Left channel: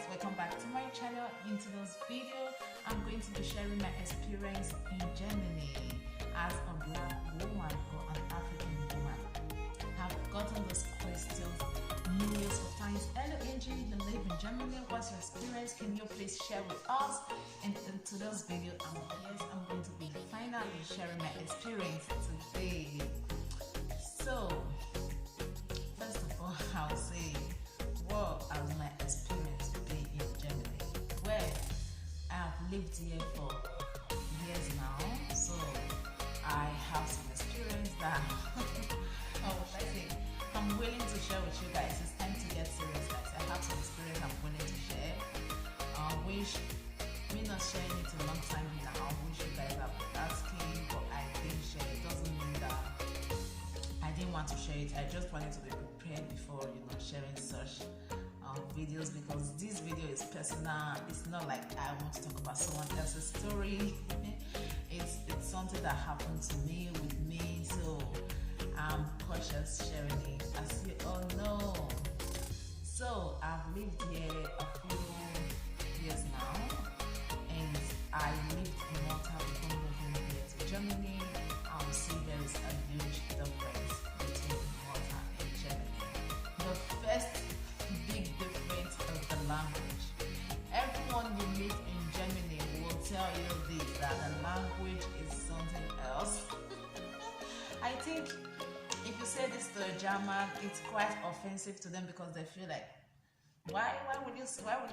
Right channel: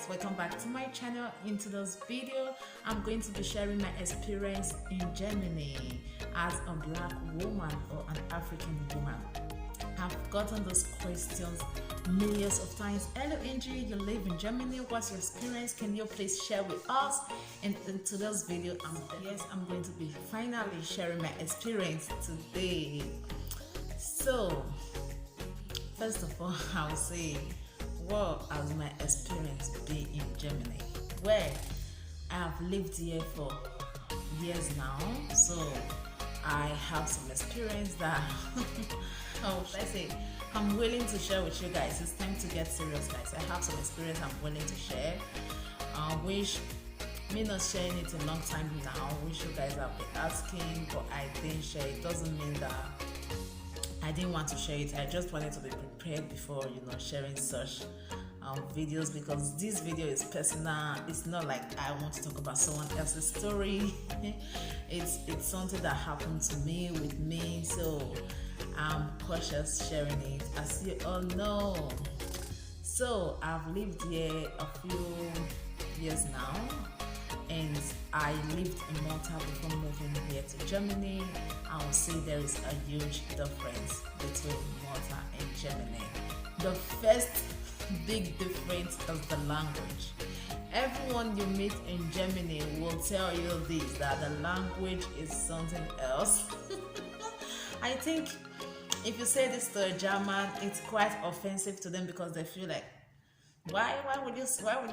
guys, welcome back to my channel. In today's video I'm going to be sharing my experience in Germany as a black woman or an African woman. I've gotten those questions millions of times. Hello Angie, you live in Germany, what's your experience? Can you please share with us? And in today's video I'm going to be finally sharing my experience today. So first of all, I'll say, what has my experience been in Germany? Well, I have lived here for years now, so I have some experience that how should I say, I'm willing to share with you guys. It's time to get serious, guys. I have some experience I'm willing to share. Which me not sharing it a long time now, which you guys have been asking, but I didn't share it. Doesn't mean that I didn't want to share it. I just wanted to be prepared before, sharing such videos, because this video is personal. It's not like I want to talk about someone else's story. it's something that happened to me with me, so I'm cautious sharing it, as you all know. So I've lived here a few years now, and I lived in Malta before moving here to Germany. I would say there is a huge difference between Malta and Germany. The first big difference is the language. Everyone you meet in Germany will tell you this, that the language is something else. I think if you say this to a German, it's quite offensive to them, because they feel like, why would you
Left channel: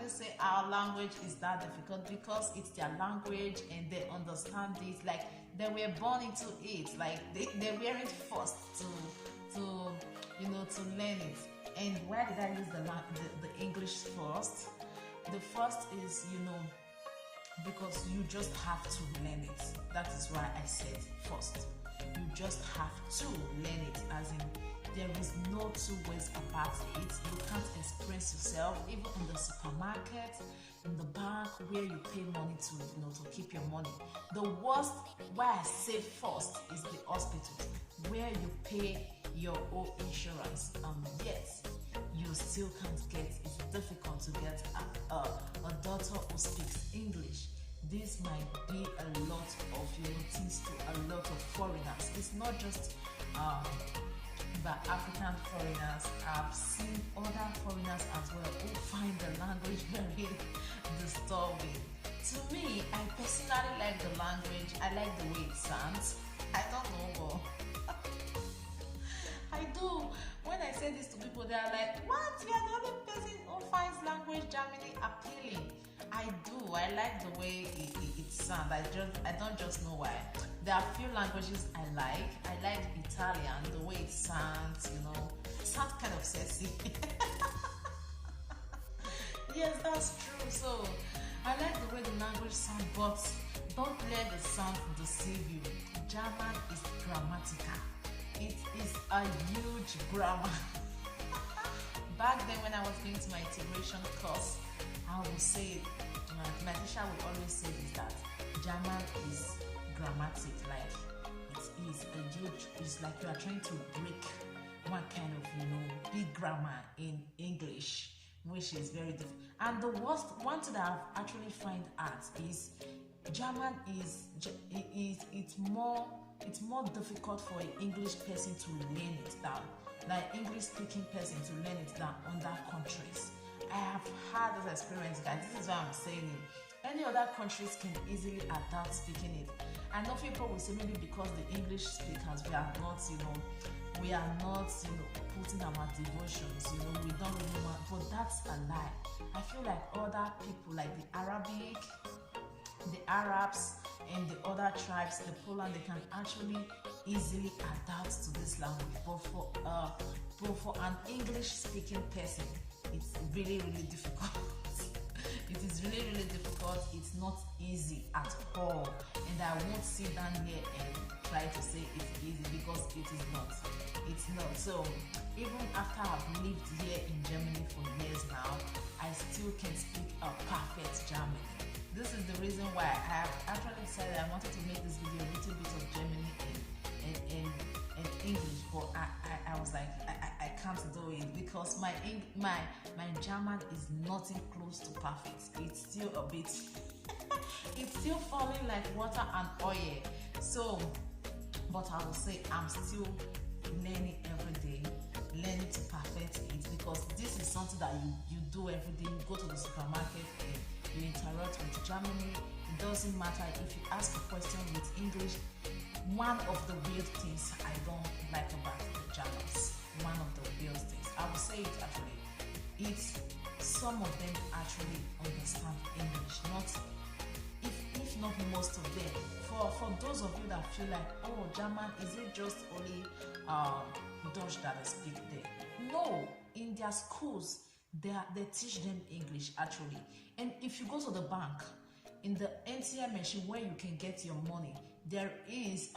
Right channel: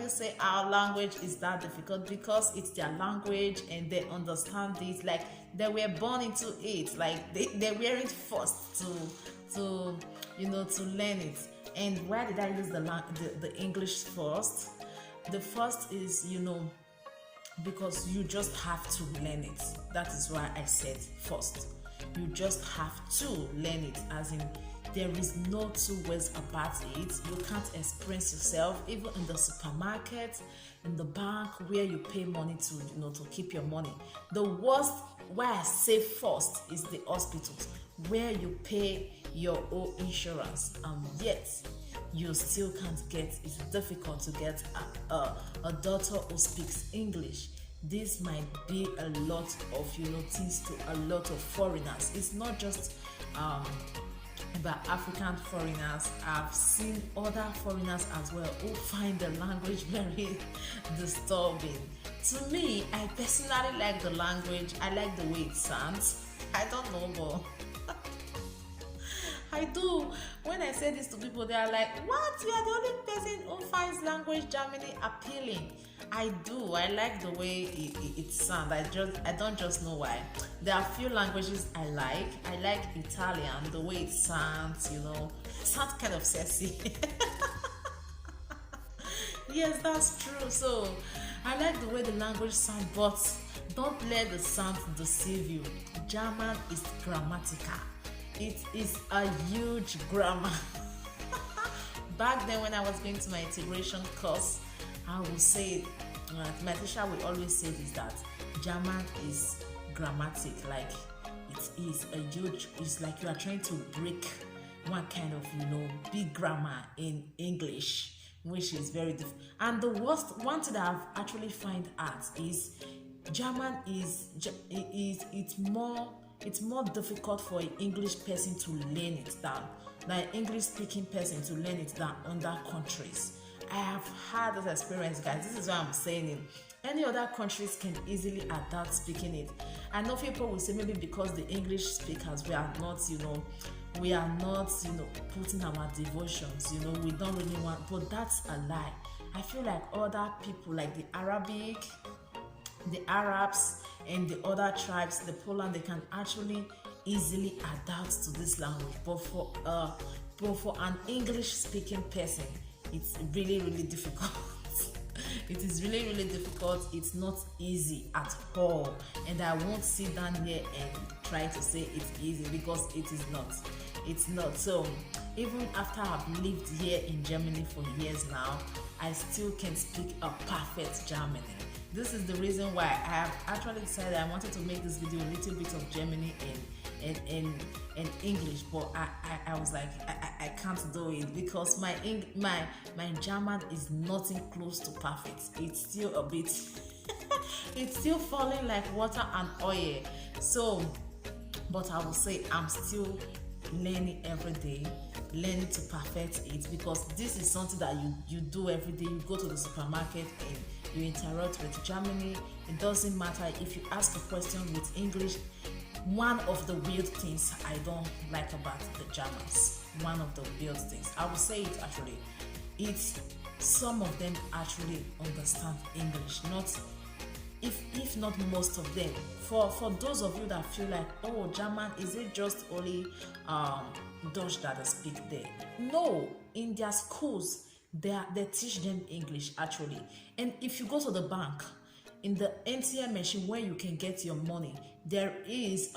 say our language is that difficult? Because it's their language and they understand it, like they were born into it, like they weren't forced to learn it. And why did I use the English first? The first is, because you just have to learn it. That is why I said first. You just have to learn it, as in there is no two ways about it. You can't experience yourself, even in the supermarket, in the bank, where you pay money to keep your money. The worst, why I say first, is the hospitals, where you pay your own insurance, yet you still can't get. It's difficult to get a doctor who speaks English. This might be a lot of things to a lot of foreigners. It's not just about African foreigners. I've seen other foreigners as well who find the language very disturbing. To me, I personally like the language. I like the way it sounds. I don't know, but I do. When I say this to people, they are like, what? You are the only person who finds language Germany appealing. I do. I like the way it sounds. I don't just know why. There are few languages I like. I like Italian, the way it sounds, it sounds kind of sexy. Yes, that's true. So I like the way the language sounds, but don't let the sound deceive you. German is grammatical. It is a huge grammar. Back then when I was going to my integration course, I would say, my teacher will always say this, that German is grammatic, like it is a huge, it's like you are trying to break one kind of, big grammar in English, which is very different. And the worst one thing that I've actually find out is German it's more difficult for an English person to learn it than an English speaking person to learn it than other countries. I have had this experience, guys. This is why I'm saying it. Any other countries can easily adapt speaking it. I know people will say maybe because the English speakers, we are not putting our devotions, we don't really want, but that's a lie. I feel like other people, like the Arabic, the Arabs, and the other tribes, the Poland, they can actually easily adapt to this language. But for an English speaking person, it's really, really difficult. It is really, really difficult. It's not easy at all. And I won't sit down here and try to say it's easy, because it is not. It's not. So even after I've lived here in Germany for years now, I still can speak a perfect German. This is the reason why I have actually decided I wanted to make this video a little bit of Germany and English, but I was like I can't do it because my German is nothing close to perfect. It's still a bit it's still falling like water and oil. So, but I will say I'm still learning every day, learning to perfect it, because this is something that you do every day. You go to the supermarket and you interact with Germany. It doesn't matter if you ask a question with English. One of the weird things I don't like about the Germans, one of the weird things, I will say it actually, it's some of them actually understand English, not if not most of them. For those of you that feel like, oh, German, is it just only Dutch that they speak there? No, in their schools they teach them English actually. And if you go to the bank, in the ATM machine where you can get your money, there is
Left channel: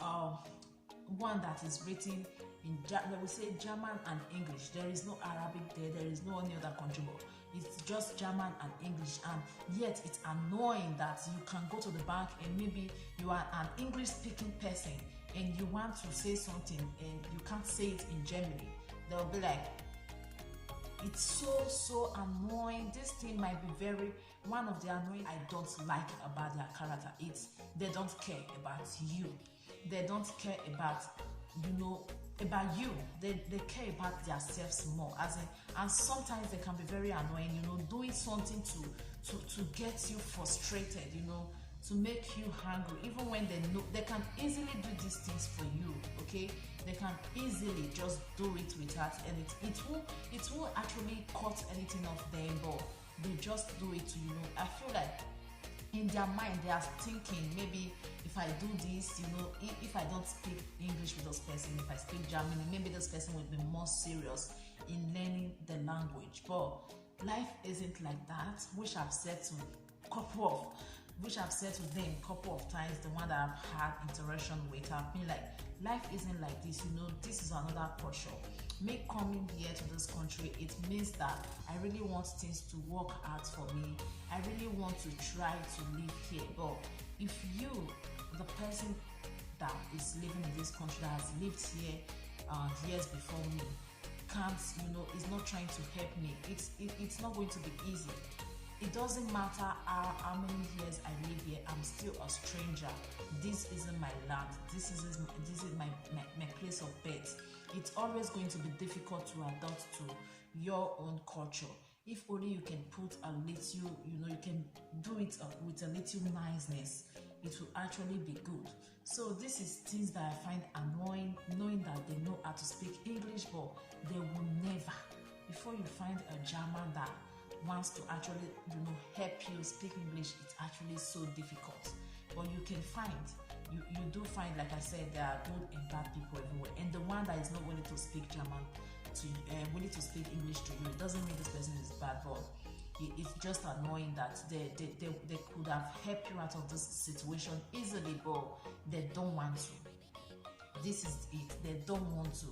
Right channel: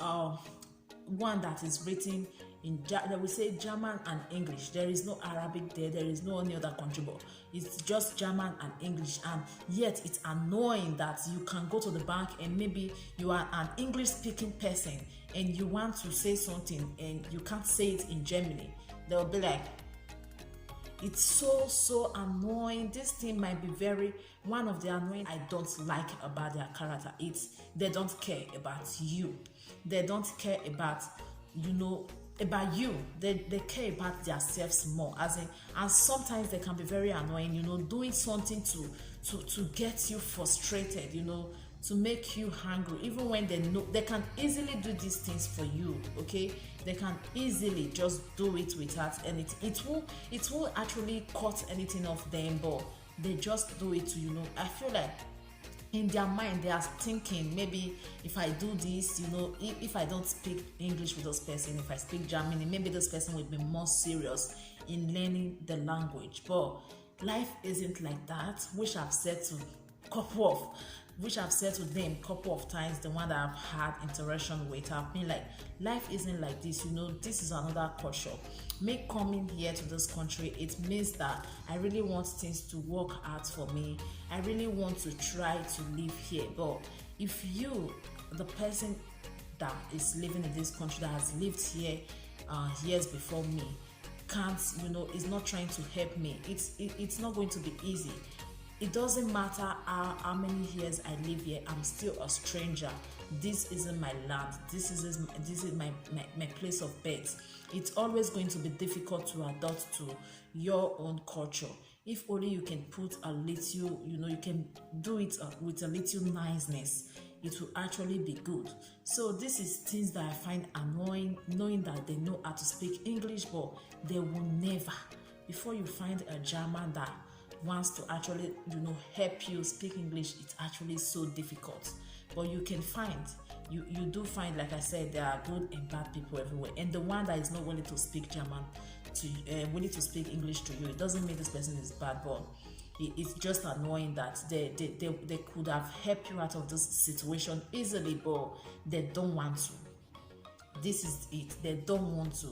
one that is written in they will say German and English. There is no Arabic there. There is no any other country, but it's just German and English. And yet it's annoying that you can go to the bank and maybe you are an English speaking person and you want to say something and you can't say it in Germany. They'll be like, it's so annoying. This thing might be very one of the annoying I don't like about their character. It's they don't care about you. They don't care about about you. They care about themselves more. As in, and sometimes they can be very annoying, doing something to get you frustrated, to make you hungry, even when they know they can easily do these things for you. Okay, they can easily just do it without anything. It won't actually cut anything off them, but they just do it to I feel like in their mind they are thinking, maybe if I do this, if I don't speak English with this person, if I speak German, maybe this person will be more serious in learning the language. But life isn't like that, which I've said to them a couple of times, the one that I've had interaction with. I've been like, life isn't like this, this is another culture. Me coming here to this country, it means that I really want things to work out for me. I really want to try to live here. But if you, the person that is living in this country, that has lived here years before me, can't, is not trying to help me, it's not going to be easy. It doesn't matter how many years I live here, I'm still a stranger. This isn't my land. This is my place of birth. It's always going to be difficult to adapt to your own culture. If only you can put a little, you can do it with a little niceness, it will actually be good. So this is things that I find annoying, knowing that they know how to speak English, but they will never. Before you find a German that wants to actually help you speak English, it's actually so difficult. But you can find, you do find, like I said, there are good and bad people everywhere. And the one that is not willing to speak German willing to speak English to you, it doesn't mean this person is bad, but it's just annoying that they could have helped you out of this situation easily, but they don't want to. This is it. They don't want to,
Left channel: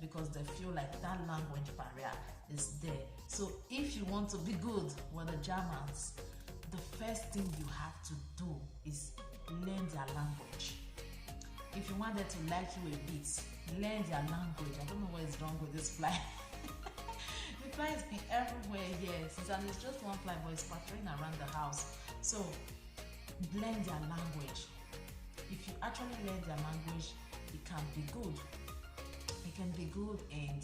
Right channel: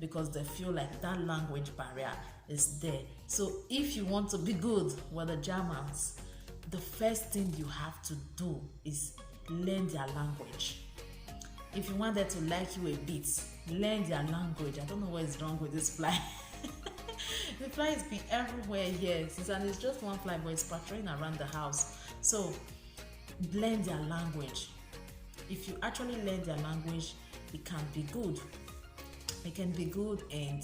because they feel like that language barrier is there. So if you want to be good with the Germans, the first thing you have to do is learn their language. If you want them to like you a bit, learn their language. I don't know what is wrong with this fly. The fly has been everywhere here, and it's just one fly, but it's patrolling around the house. So learn their language. If you actually learn their language, it can be good. It can be good, and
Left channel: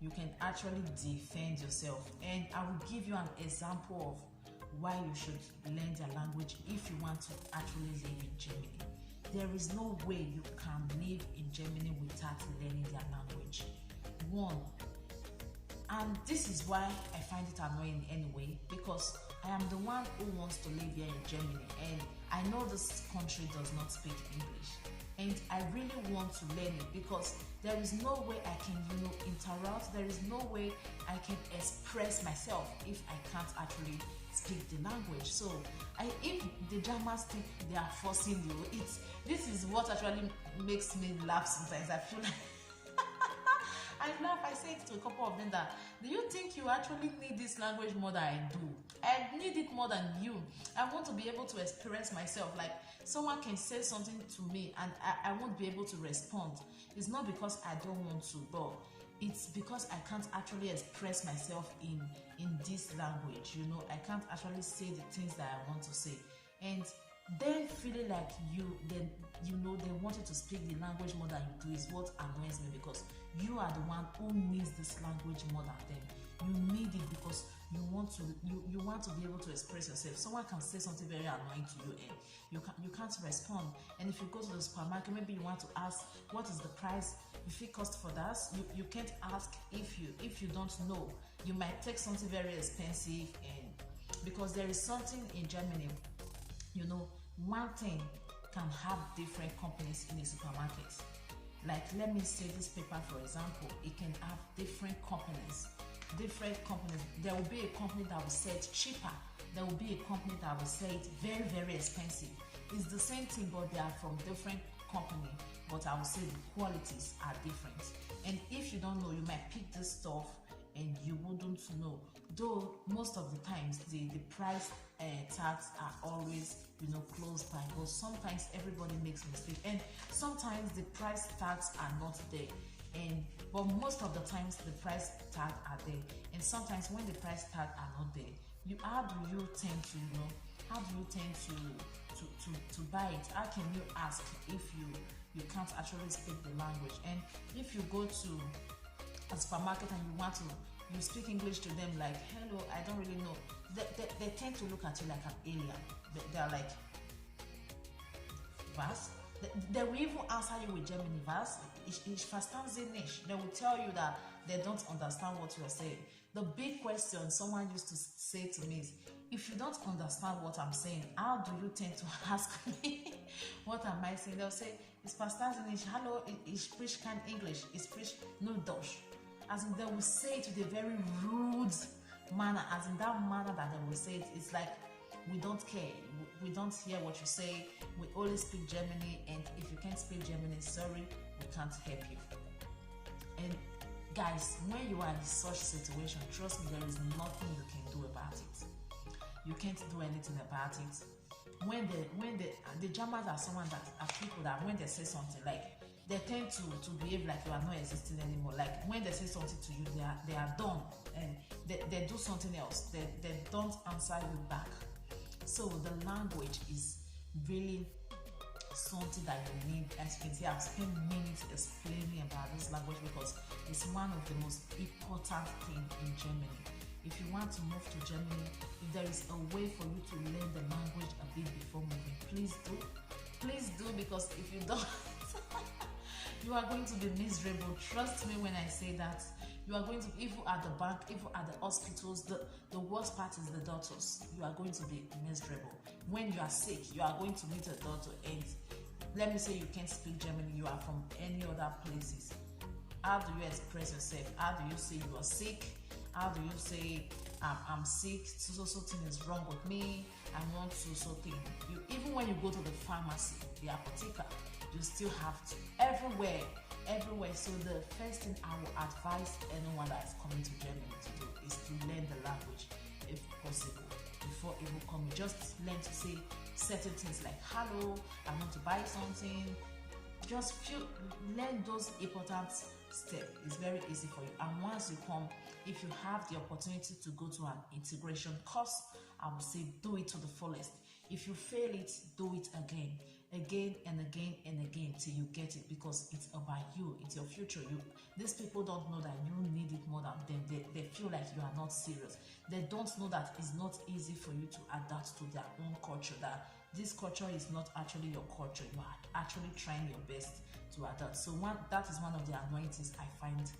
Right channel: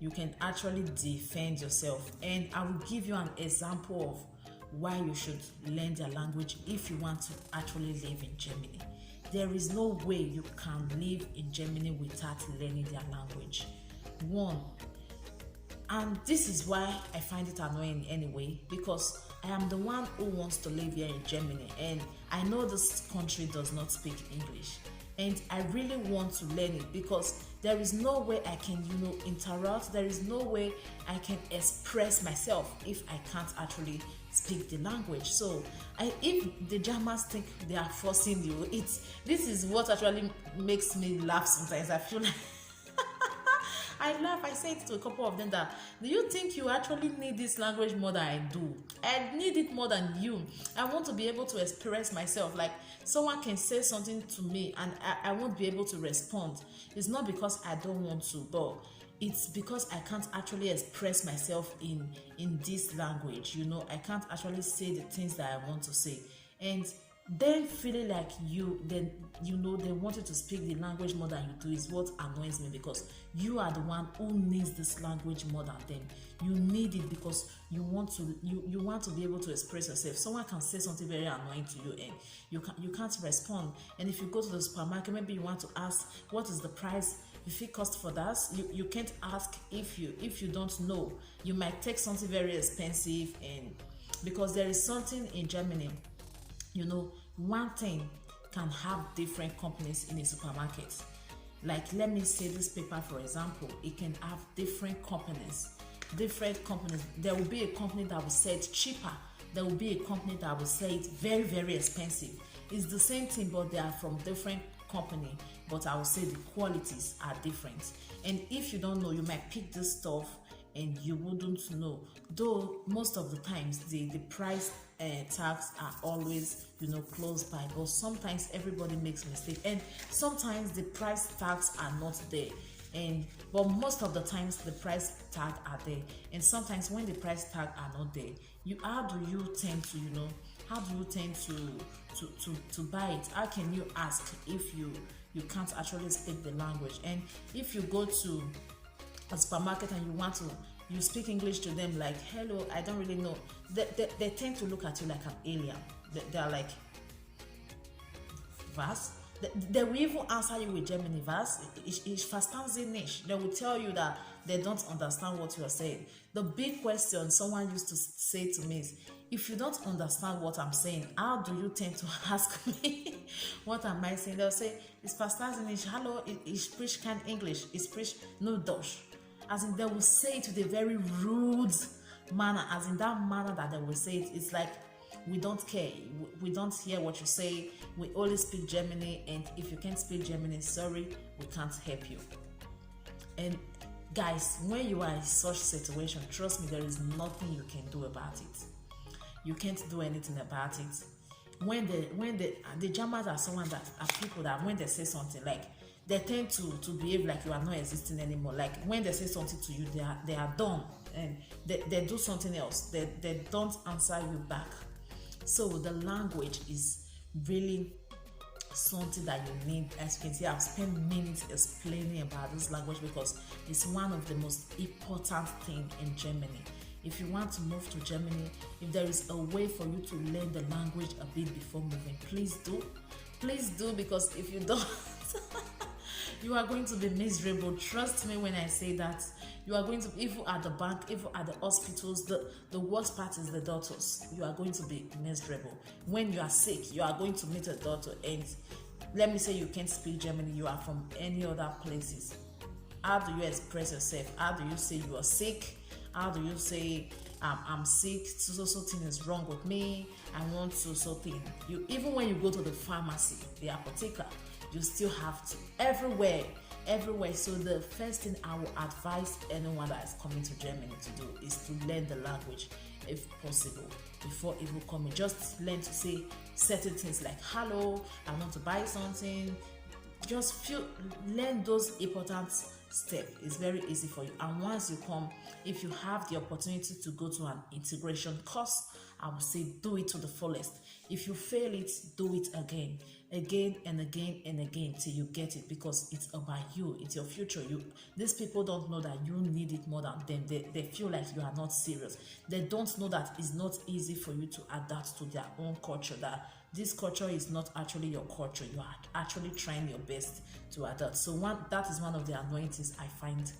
you can actually defend yourself. And I will give you an example of why you should learn their language if you want to actually live in Germany. There is no way you can live in Germany without learning their language. One, and this is why I find it annoying anyway, because I am the one who wants to live here in Germany, and I know this country does not speak English, and I really want to learn it, because there is no way I can interact. There is no way I can express myself if I can't actually speak the language. So if the Germans think they are forcing you, this is what actually makes me laugh sometimes. I feel like I laugh. I say it to a couple of them that, do you think you actually need this language more than I do? I need it more than you. I want to be able to express myself. Like, someone can say something to me and I won't be able to respond. It's not because I don't want to, but it's because I can't actually express myself in this language. You know, I can't actually say the things that I want to say. And then feeling like then they want you to speak the language more than you do is what annoys me, because you are the one who needs this language more than them. You need it because you want to be able to express yourself. Someone can say something very annoying to you and you can't respond. And if you go to the supermarket, maybe you want to ask what is the price, if it costs for that, you can't ask if you don't know. You might take something very expensive, and because there is something in Germany, you know, one thing can have different companies in a supermarket. Like, let me say this paper, for example, it can have different companies. There will be a company that will sell it cheaper. There will be a company that will sell it very, very expensive. It's the same thing, but they are from different company. But I would say the qualities are different. And if you don't know, you might pick this stuff and you wouldn't know. Though most of the times the price tags are always, you know, close by, but sometimes everybody makes mistakes, and sometimes the price tags are not there. But most of the times the price tag are there, and sometimes when the price tag are not there, how do you tend to buy it? How can you ask if you can't actually speak the language? And if you go to a supermarket and you speak English to them, like, hello, I don't really know, they tend to look at you like an alien. They're like, was? They will even answer you with Germany, was? Ich verstehe Sie nicht. They will tell you that they don't understand what you are saying. The big question someone used to say to me is, if you don't understand what I'm saying, how do you tend to ask me what am I saying? They'll say, ich verstehe Sie nicht. Hello, ich spreche kein English. Ich spreche nur Deutsch. As in, they will say it with a very rude manner, as in that manner that they will say it. It's like, we don't care, we don't hear what you say, we only speak Germany, and if you can't speak Germany, sorry, we can't help you. And guys, when you are in such situation, trust me, there is nothing you can do about it. You can't do anything about it. When the Germans are someone that are people that when they say something, like, they tend to behave like you are not existing anymore. Like, when they say something to you, they are done, and they do something else. They don't answer you back. So the language is really something that you need. As you can see, I've spent minutes explaining about this language because it's one of the most important things in Germany. If you want to move to Germany, if there is a way for you to learn the language a bit before moving, please do. Please do, because if you don't, you are going to be miserable. Trust me when I say that. You are going to, if you are at the bank, if you are at the hospitals, the worst part is the doctors. You are going to be miserable. When you are sick, you are going to meet a doctor, and let me say you can't speak German, you are from any other places. How do you express yourself? How do you say you are sick? How do you say, I'm sick, so thing is wrong with me, I want so thing. Even when you go to the pharmacy, the apotheker, you still have to, everywhere. So the first thing I will advise anyone that is coming to Germany to do is to learn the language, if possible, before even coming. Just learn to say certain things like, hello, I want to buy something. Just learn those important steps. It's very easy for you. And once you come, if you have the opportunity to go to an integration course, I would say do it to the fullest. If you fail it, do it again and again till you get it, because it's about you, it's your future. These people don't know that you need it more than them. They feel like you are not serious. They don't know that it's not easy for you to adapt to their own culture, that this culture is not actually your culture. You are actually trying your best to adapt. So that is one of the annoying things I find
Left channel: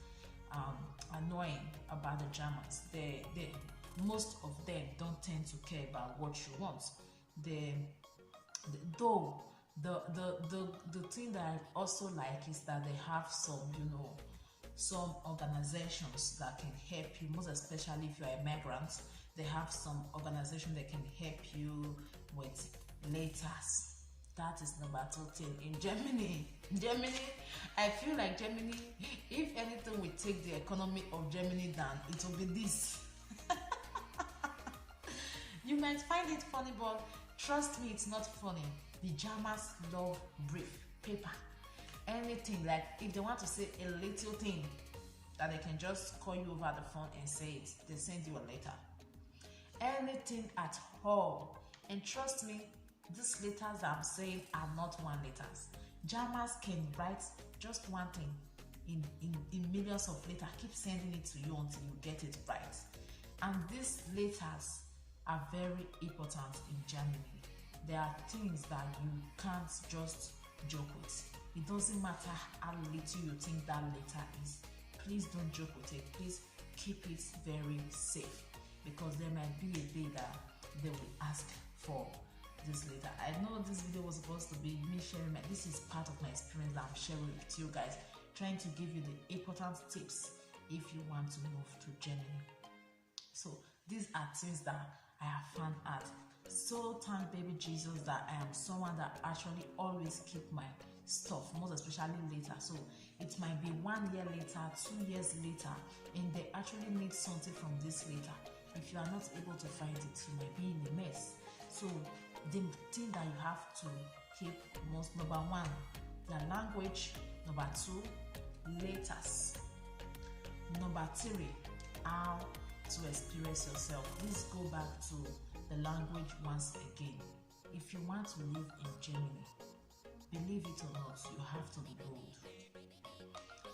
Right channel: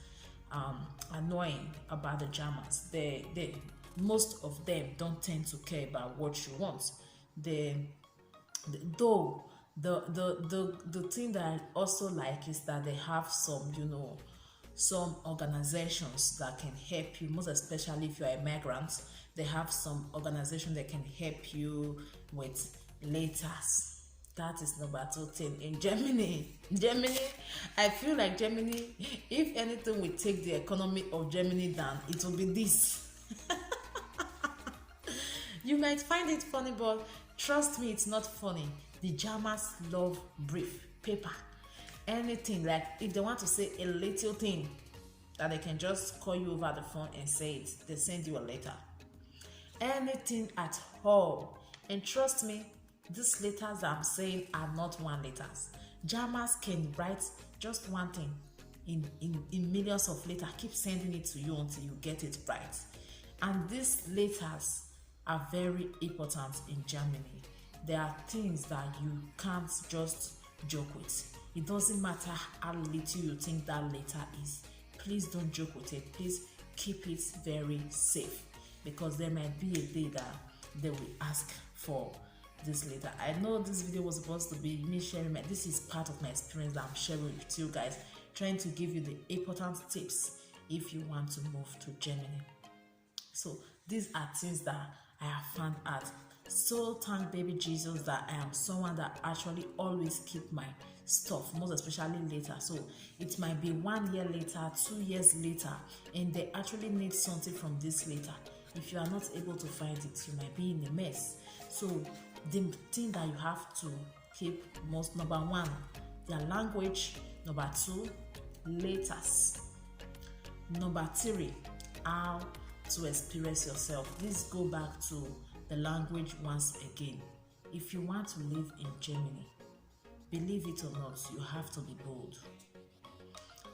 annoying about the Germans. Most of them don't tend to care about what you want. Though the thing that I also like is that they have some organizations that can help you, most especially if you're a migrant. They have some organization that can help you with letters. That is number 13 in Germany. Germany, I feel like Germany, if anything will take the economy of Germany down, it will be this. You might find it funny, but trust me, it's not funny. The Germans love brief paper. Anything, like if they want to say a little thing, that they can just call you over the phone and say it, they send you a letter. Anything at all. And trust me, these letters I'm saying are not one letters. Germans can write just one thing in millions of letters, keep sending it to you until you get it right. And these letters are very important in Germany. There are things that you can't just joke with. It doesn't matter how little you think that letter is. Please don't joke with it. Please keep it very safe, because there might be a day that they will ask for this letter. I know this video was supposed to be me sharing this is part of my experience that I'm sharing with you guys, trying to give you the important tips if you want to move to Germany. So these are things that I have found out. So thank baby Jesus that I am someone that actually always keep my stuff, most especially later. So it might be 1 year later, 2 years later, and they actually need something from this later. If you are not able to find it, you might be in a mess. So the thing that you have to keep most, number 1, your language. Number 2, letters. Number 3, how to express yourself. Please go back to the language once again. If you want to live in Germany, believe it or not, you have to be bold.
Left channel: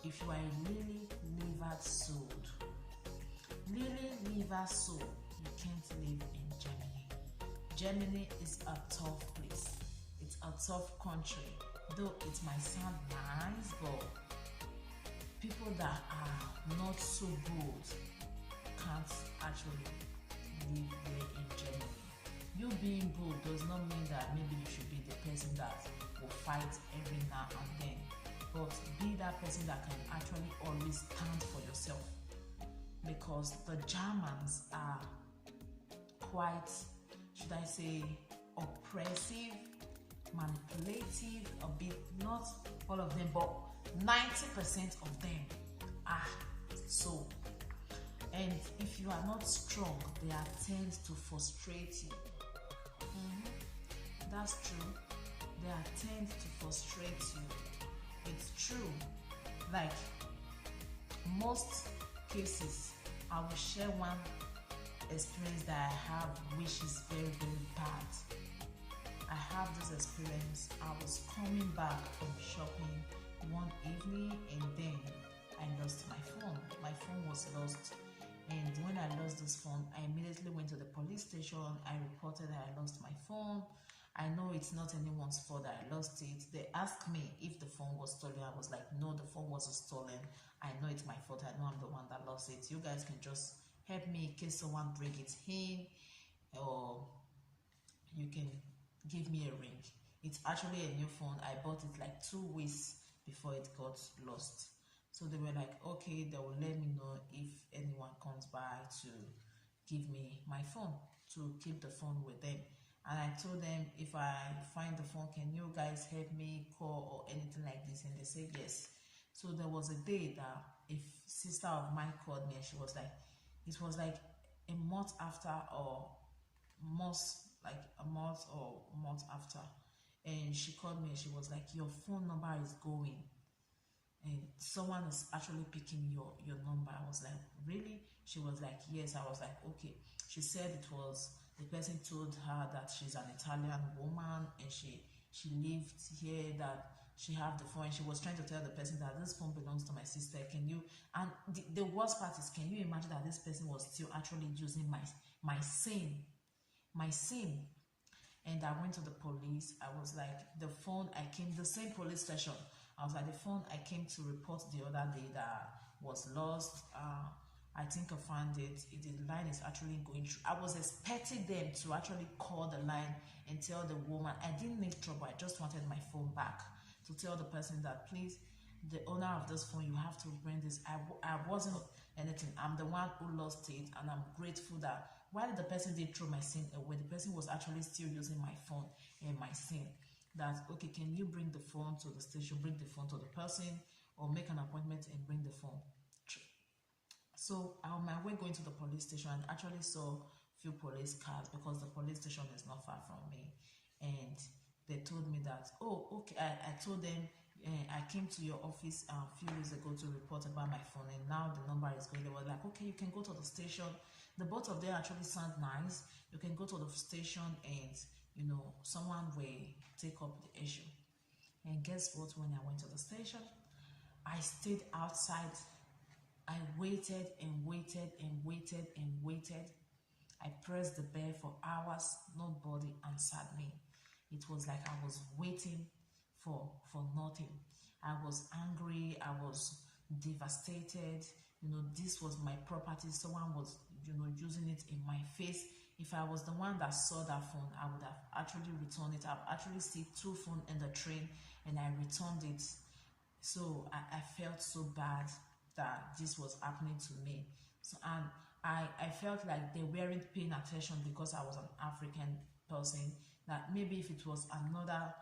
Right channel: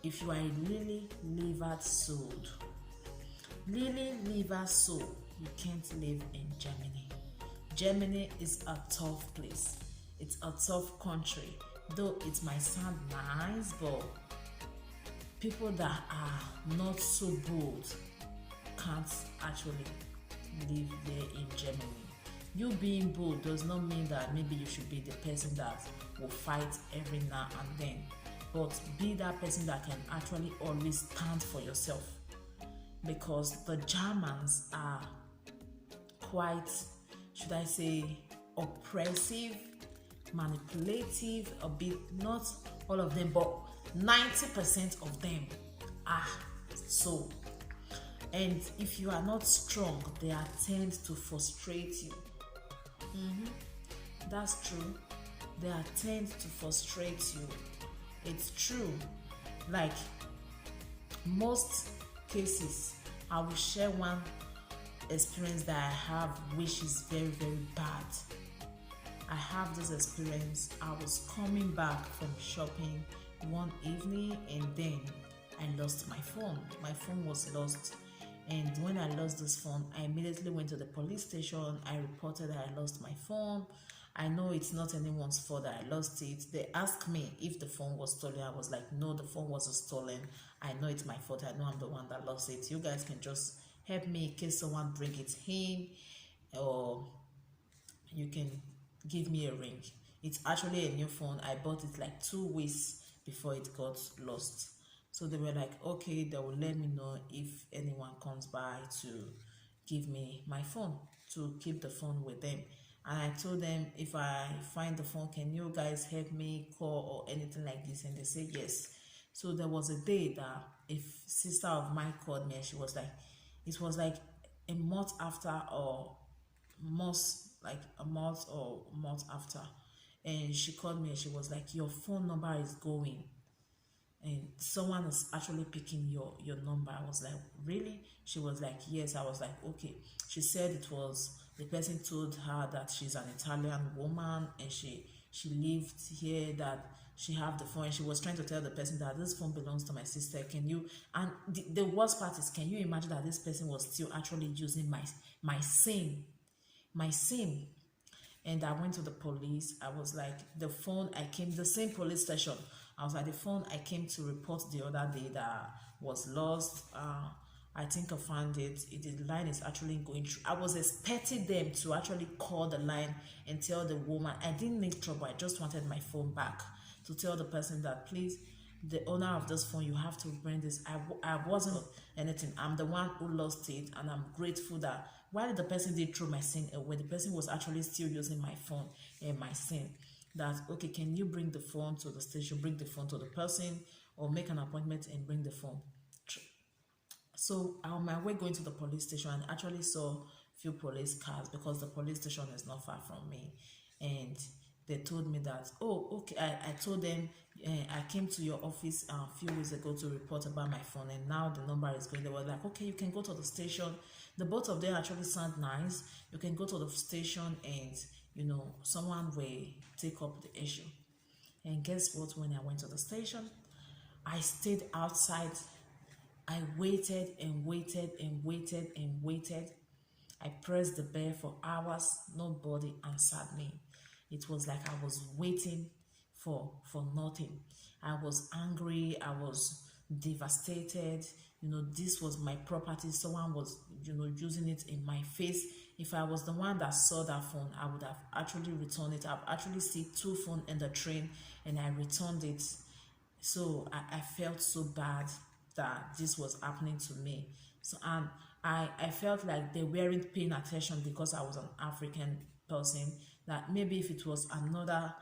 If you are really liver sold, you can't live in Germany. Germany is a tough place. It's a tough country. Though it might sound nice, but people that are not so bold can't actually live there in Germany. You being bold does not mean that maybe you should be the person that will fight every now and then, but be that person that can actually always stand for yourself, because the Germans are quite, should I say, oppressive, manipulative, a bit, not all of them, but 90% of them are so. And if you are not strong, they are tend to frustrate you. That's true. They are tend to frustrate you. It's true. Like most cases, I will share one experience that I have, which is very, very bad. I have this experience. I was coming back from shopping one evening, and then I lost my phone. My phone was lost. And when I lost this phone, I immediately went to the police station. I reported that I lost my phone. I know it's not anyone's fault that I lost it. They asked me if the phone was stolen. I was like, no, the phone wasn't stolen. I know it's my fault. I know I'm the one that lost it. You guys can just help me in case someone bring it in, or you can give me a ring. It's actually a new phone. I bought it like 2 weeks before it got lost. So they were like, okay, they will let me know if anyone comes by to give me my phone, to keep the phone with them. And I told them, if I find the phone, can you guys help me call or anything like this? And they said yes. So there was a day that a sister of mine called me, and she was like, it was like a month after, or like a month or month after. And she called me and she was like, your phone number is going, and someone is actually picking your number. I was like, really? She was like, yes. I was like, okay. She said it was, the person told her that she's an Italian woman and she lived here, that she have the phone, and she was trying to tell the person that this phone belongs to my sister. Can you, and the worst part is, can you imagine that this person was still actually using my SIM? And I went to the police. I was like, the phone I came, the same police station, I was like, the phone I came to report the other day that was lost, I think I found it. The line is actually going through. I was expecting them to actually call the line and tell the woman. I didn't make trouble. I just wanted my phone back, to tell the person that, please, the owner of this phone, you have to bring this. I wasn't anything. I'm the one who lost it, and I'm grateful that while the person did throw my SIM away, the person was actually still using my phone and my SIM. that, okay, can you bring the phone to the station, bring the phone to the person, or make an appointment and bring the phone. So on my way going to the police station, I actually saw few police cars because the police station is not far from me, and they told me that, oh, okay. I told them, I came to your office a few weeks ago to report about my phone, and now the number is going. They were like, okay, you can go to the station. The both of them actually sound nice. You can go to the station, and someone will take up the issue. And guess what? When I went to the station, I stayed outside. I waited and waited and waited and waited. I pressed the bell for hours. Nobody answered me. It was like I was waiting for nothing. I was angry. I was devastated. This was my property. Someone was, using it in my face. If I was the one that saw that phone, I would have actually returned it. I've actually seen 2 phones in the train, and I returned it. So I felt so bad that this was happening to me. So, and I felt like they weren't paying attention because I was an African person. That maybe if it was another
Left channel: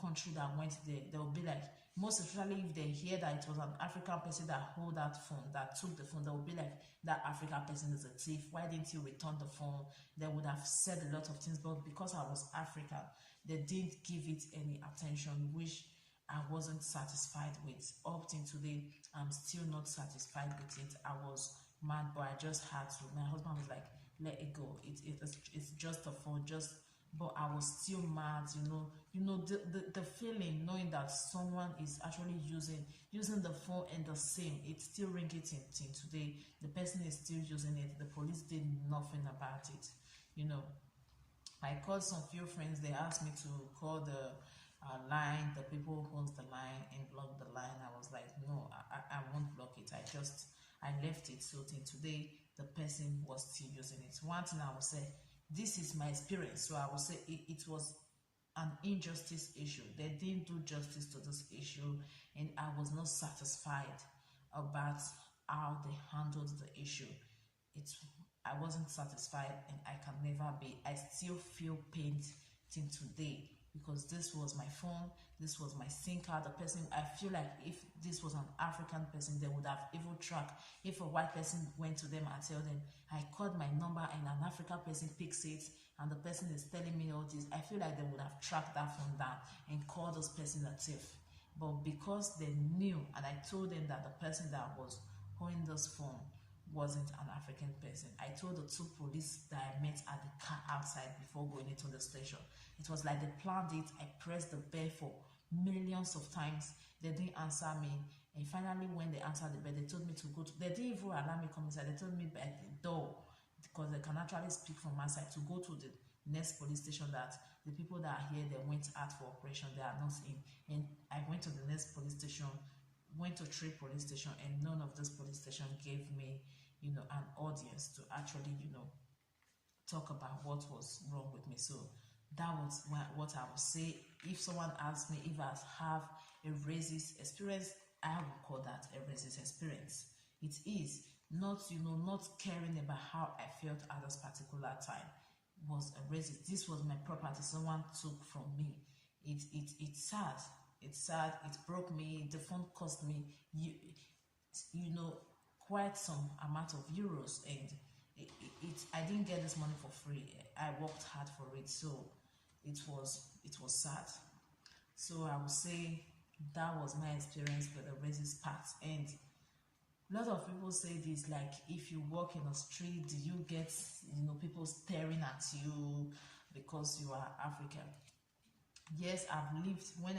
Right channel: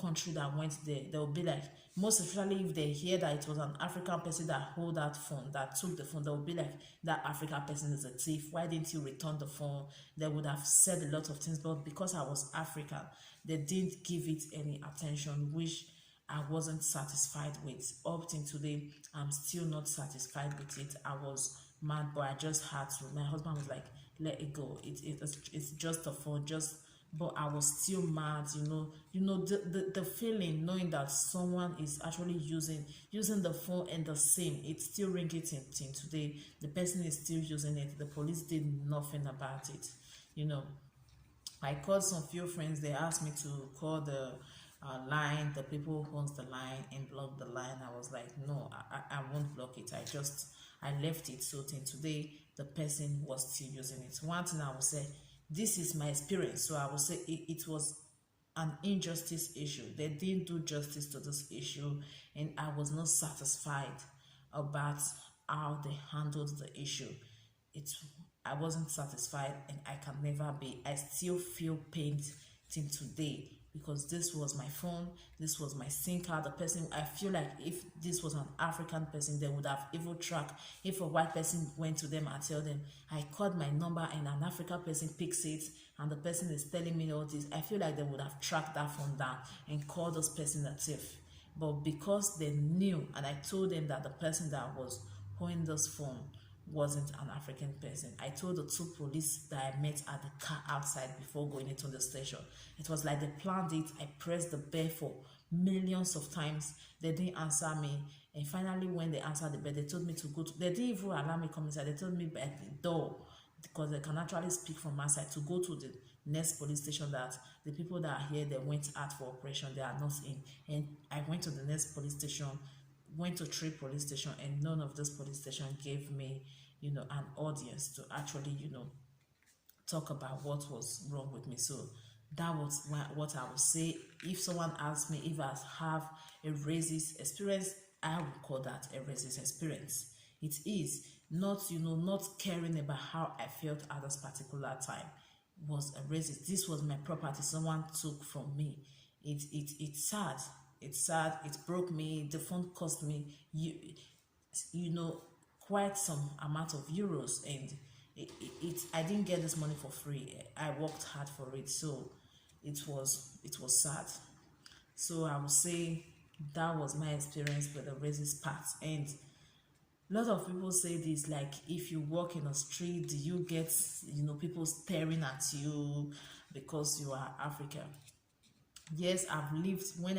country that went there, they would be like, most especially if they hear that it was an African person that hold that phone, that took the phone, they would be like, that African person is a thief. Why didn't you return the phone? They would have said a lot of things, but because I was African, they didn't give it any attention, which I wasn't satisfied with. Up till today, I'm still not satisfied with it. I was mad, but I just had to. My husband was like, let it go. It's just a phone, but I was still mad, the feeling knowing that someone is actually using the phone and the same, it's still ringing till today. The person is still using it. The police did nothing about it. I called some few friends. They asked me to call the line, the people who owns the line, and block the line. I was like, no, I won't block it. I left it. So till today, the person was still using it. One thing I will say, this is my experience. So I will say it was an injustice issue. They didn't do justice to this issue, and I was not satisfied about how they handled the issue. I wasn't satisfied, and I can never be. I still feel pain till today because this was my phone, this was my SIM card. The person, I feel like if this was an African person, they would have even tracked. If a white person went to them and tell them, I called my number and an African person picks it, and the person is telling me all this, I feel like they would have tracked that phone down and called this person a thief. But because they knew, and I told them that the person that was holding this phone wasn't an African person. I told the 2 police that I met at the car outside before going into the station. It was like they planned it. I pressed the bell for millions of times. They didn't answer me. And finally, when they answered the bell, they told me to go to, they didn't even allow me come inside. They told me by the door, because they can actually speak from outside, to go to the next police station, that the people that are here, they went out for operation, they are not in. And I went to the next police station, went to 3 police stations, and none of this police station gave me an audience to actually talk about what was wrong with me. So that was what I would say. If someone asks me if I have a racist experience, I would call that a racist experience. It is not not caring about how I felt at this particular time was a racist. This was my property someone took from me. It's sad. It's sad. It broke me. The phone cost me quite some amount of euros, and I didn't get this money for free. I worked hard for it, so it was sad. So I would say that was my experience with the racist part. And a lot of people say this, like, if you walk in a street, do you get people staring at you because you are African? Yes, I've lived, when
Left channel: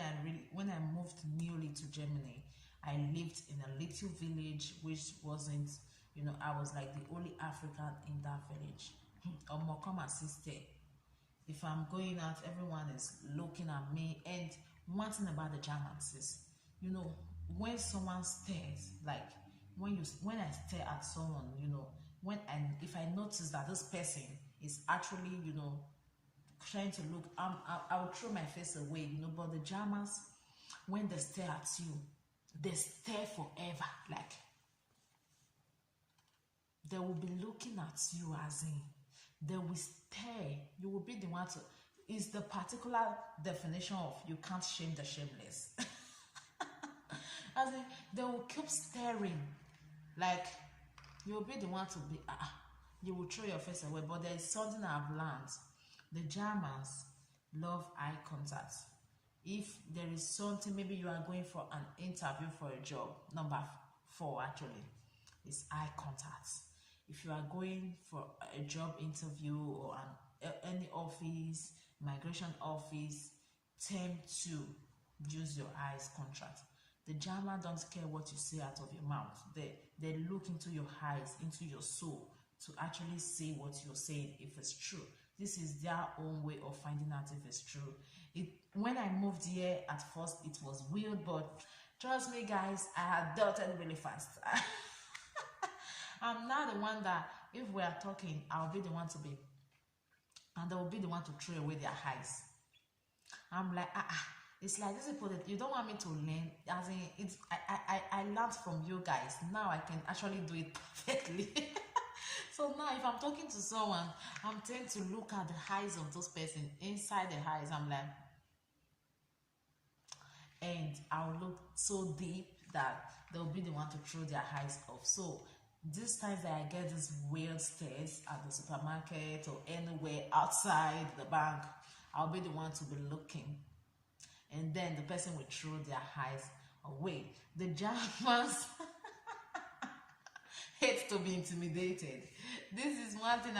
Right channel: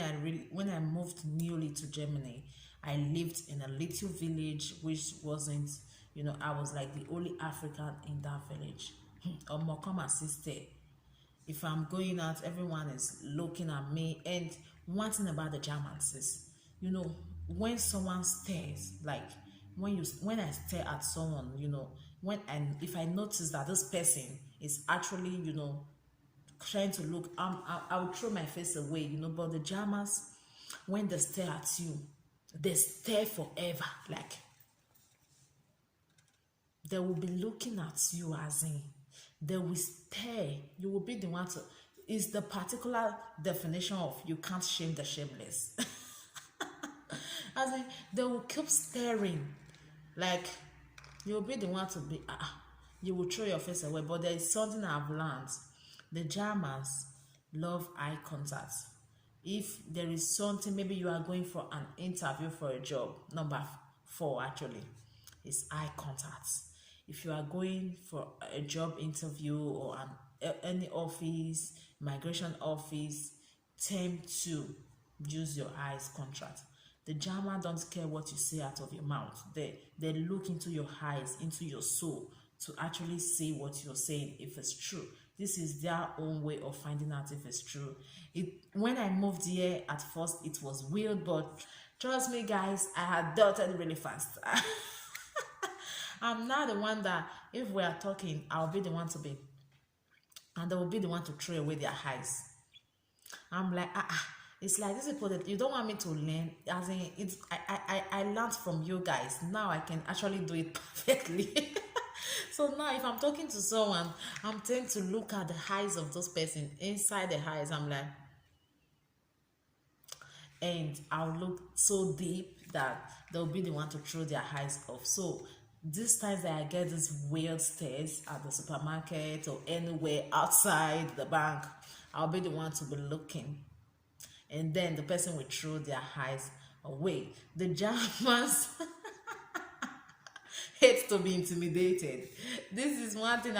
I moved newly to Germany, I lived in a little village which wasn't, I was like the only African in that village. Come and sister. If I'm going out, everyone is looking at me. And one thing about the Germans is, when someone stares, like when I stare at someone, if I notice that this person is actually, trying to look, I will throw my face away, but the Germans, when they stare at you, they stare forever. Like, they will be looking at you, as in, they will stare. You will be the one to, is the particular definition of you can't shame the shameless. As in, they will keep staring, like you'll be the one to be, you will throw your face away. But there is something I've learned. The Germans love eye contact. If there is something, maybe you are going for an interview for a job, number 4 actually is eye contact. If you are going for a job interview or any office, migration office, tend to use your eyes contact. The German don't care what you say out of your mouth. They look into your eyes, into your soul, to actually say what you're saying, if it's true. This is their own way of finding out if it's true. When I moved here, at first it was weird, but trust me guys, I adopted really fast. I'm now the one that if we are talking, I'll be the one to be, and they will be the one to throw away their eyes. I'm like, it's like this people that you don't want me to learn. As in, it's I learned from you guys. Now I can actually do it perfectly. So now if I'm talking to someone, I'm trying to look at the eyes of those person, inside the eyes. I'm like, and I'll look so deep that they'll be the one to throw their eyes off. So these times that I get these weird stares at the supermarket or anywhere outside the bank, I'll be the one to be looking, and then the person will throw their eyes away. The Germans hate to be intimidated. This is one thing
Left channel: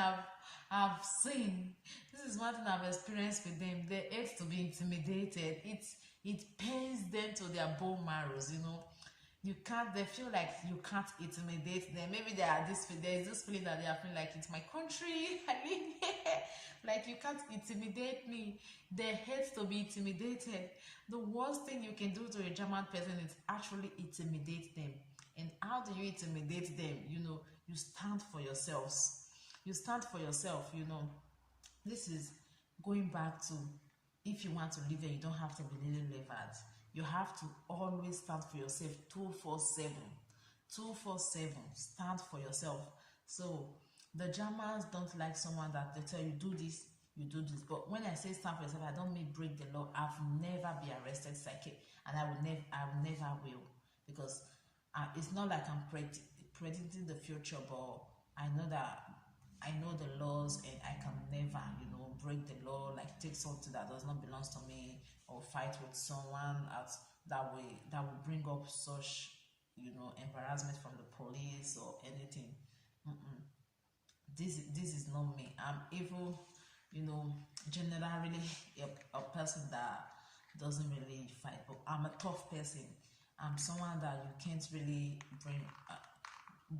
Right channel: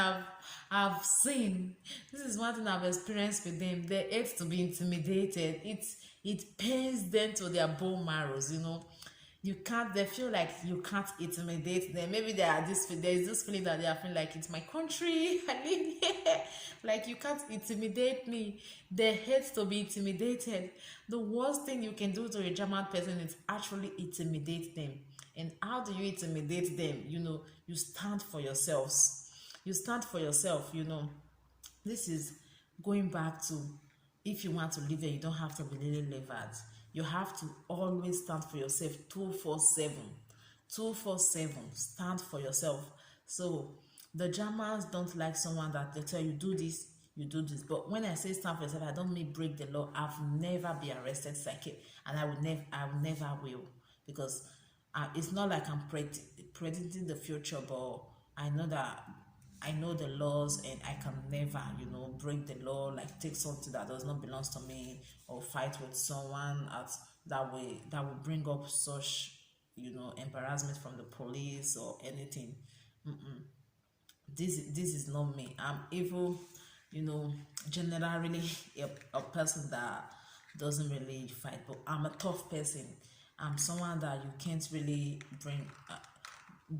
I've seen. This is one thing I've experienced with them. They hate to be intimidated. It pains them to their bone marrows, you know. You can't, they feel like you can't intimidate them. Maybe there is this feeling that they are feeling like it's my country, I live here. Like you can't intimidate me. They hate to be intimidated. The worst thing you can do to a German person is actually intimidate them. And how do you intimidate them? You know, you stand for yourselves. You stand for yourself, you know. This is going back to, if you want to live here, you don't have to be really levered. You have to always stand for yourself 247. 247. Stand for yourself. So the Germans don't like someone that they tell you do this, you do this. But when I say stand for yourself, I don't mean break the law. I've never been arrested psychic, and I never will, because it's not like I'm predicting the future, but I know that I know the laws, and I can never, you know, break the law, like take something that does not belong to me, or fight with someone that will bring up such, you know, embarrassment from the police or anything. This is not me. I'm evil, you know, generally a person that doesn't really fight, but I'm a tough person. I'm someone that you can't really bring.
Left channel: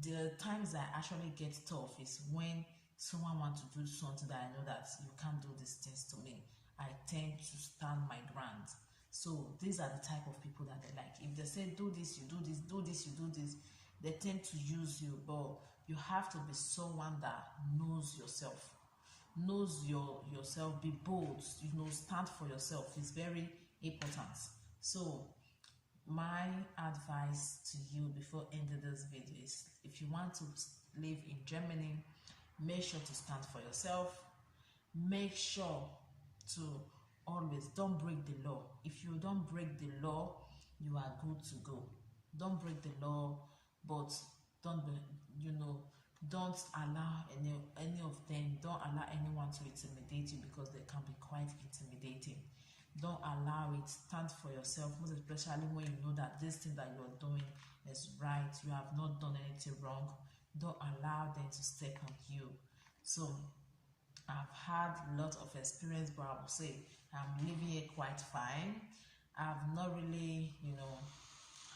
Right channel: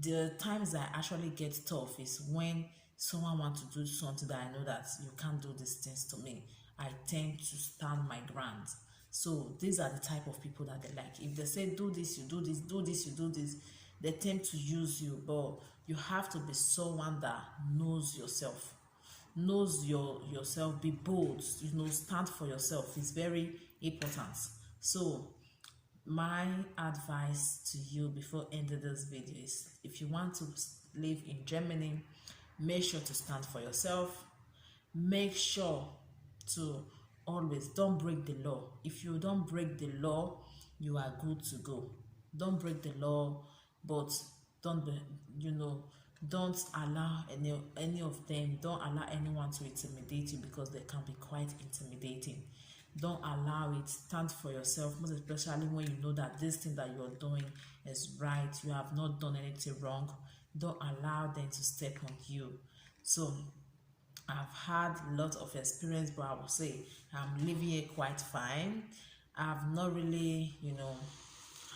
The times I actually get tough is when someone wants to do something that I know that you can't do these things to me. I tend to stand my ground. So these are the type of people that they like. If they say do this, you do this, do this, you do this, they tend to use you. But you have to be someone that knows yourself, knows yourself, be bold, you know, stand for yourself. It's very important. So my advice to you before ending this video is, if you want to live in Germany, make sure to stand for yourself. Make sure to always don't break the law. If you don't break the law, you are good to go. Don't break the law, but don't be, you know, don't allow any of them, don't allow anyone to intimidate you, because they can be quite intimidating. Don't allow it. Stand for yourself, most especially when you know that this thing that you're doing is right, you have not done anything wrong. Don't allow them to step on you. So I've had a lot of experience, but I would say I'm living here quite fine. I've not really, you know,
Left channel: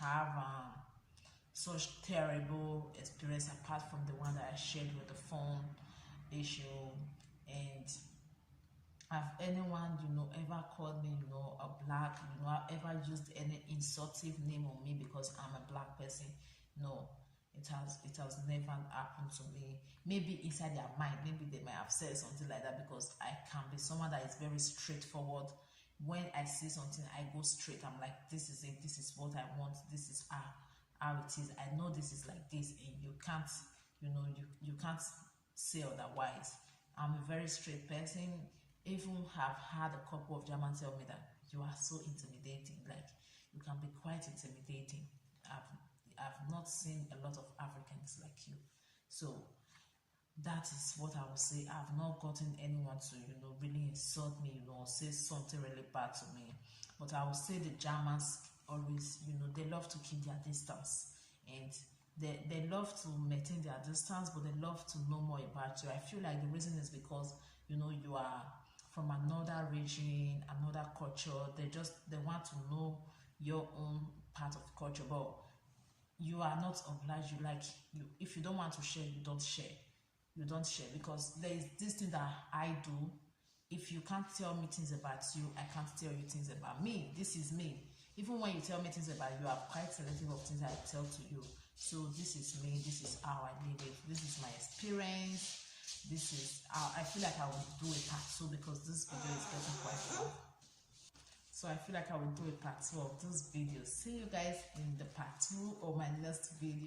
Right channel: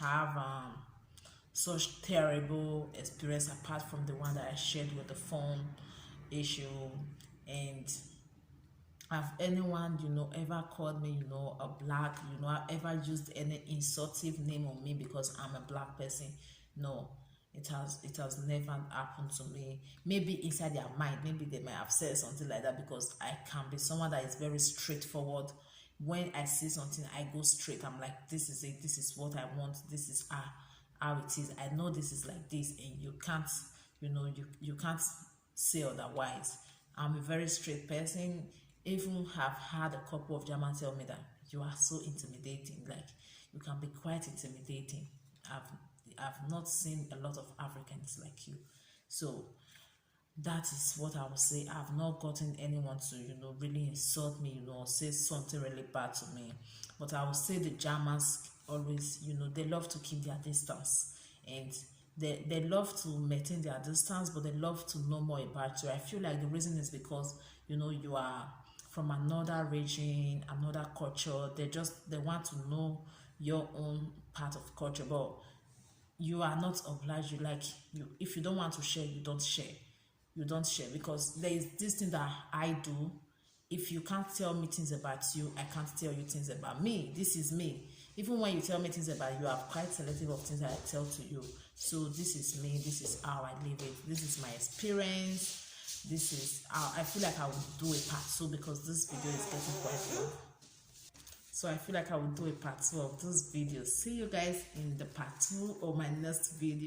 have such terrible experience apart from the one that I shared with the phone issue. And have anyone, you know, ever called me, you know, a black, you know, ever used any insultive name on me because I'm a black person? No, it has never happened to me. Maybe inside their mind, maybe they might have said something like that, because I can be someone that is very straightforward. When I see something, I go straight. I'm like, this is it, this is what I want, this is how it is. I know this is like this, and you can't, you know, you can't say otherwise. I'm a very straight person. even have had a couple of Germans tell me that you are so intimidating, like you can be quite intimidating. I've not seen a lot of Africans like you. So that is what I would say. I've not gotten anyone to, really insult me, or say something really bad to me. But I would say the Germans always, they love to keep their distance, and they love to maintain their distance, but they love to know more about you. I feel like the reason is because, you are from another region, another culture. They want to know your own part of culture, but you are not obliged. If you don't want to share, you don't share. You don't share, because there is this thing that I do. If you can't tell me things about you, I can't tell you things about me. This is me. Even when you tell me things about you, I'm quite selective of things I tell to you. So this is me. This is how I live it. This is my experience. This is how I feel like I would do a part 2, because this video is getting quite long. So I feel like I will do a part 2 of this video. See you guys in the part 2 or my next video.